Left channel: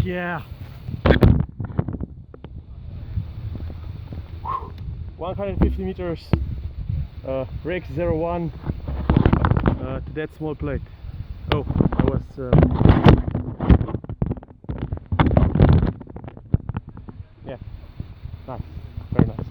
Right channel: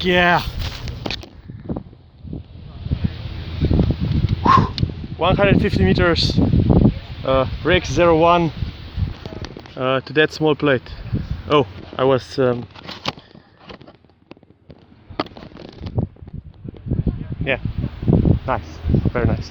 Yeah. 150 meters, Rex 01 to that small plate. Oh, I was yeah, nice, very nice.